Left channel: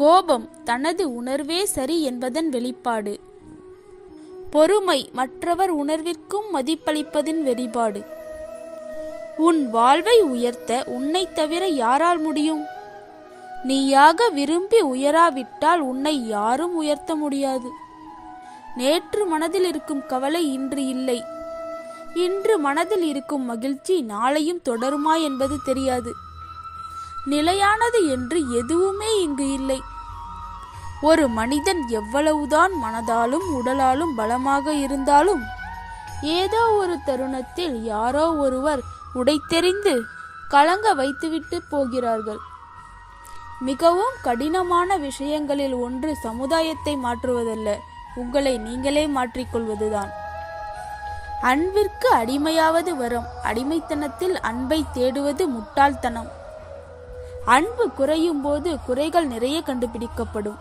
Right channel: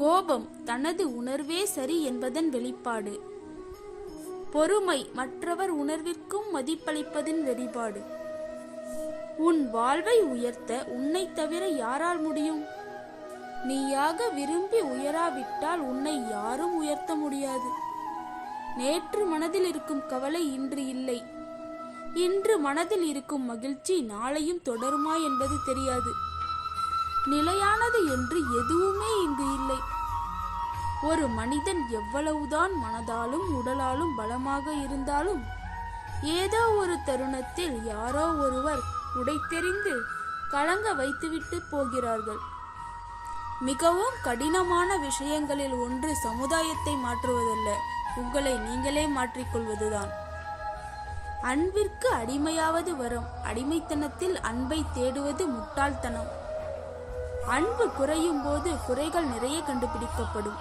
கோபம் தனது உணர்வே சரி என்பதன் வெளிப்பாடு. பொறுமை மற்றவர் உணர்விற்கும் மதிப்பளிப்பதின் வெளிப்பாடு. உன் வாழ்வை உயர்த்த உன்னை தவிர யாரால் முடியும்? நீயாக விரும்பி உயராவிட்டால் உன்னை யாரும் உயர்த்த முடியாது. நேற்று மனதில் இருக்கும் கவலை இன்று இல்லை. இன்று மனதில் இருக்கும் மகிழ்ச்சி நாளையும் தொடருமா என்பது தெரியாது. நிலையானது என்று எதுவுமே இங்கு இல்லை. ஒரு மனிதன் எவ்வளவுதான் மனதாலும் உடலாலும் பலமாக இருந்தாலும் ஏதோ ஒரு தருணத்தில் யாரோ ஒருவர் உடைத்தெறிந்து கலங்க வைத்துவிட்டு போகிறார்கள். மிகவும் கடினமான விஷயங்களில் ஒன்று சமுதாயத்தை மாற்றுவதல்ல, உங்களை நீங்களே மாற்றிக்கொள்வதுதான். அன்பிற்கு அடிமையாவது வரம், அடிமைத்தனத்தில் அன்பை தேடுவது முட்டாள்தனம். அன்பு குறையும் போது குறைகள் நிறைய கண்டுபிடிக்கப்படும்.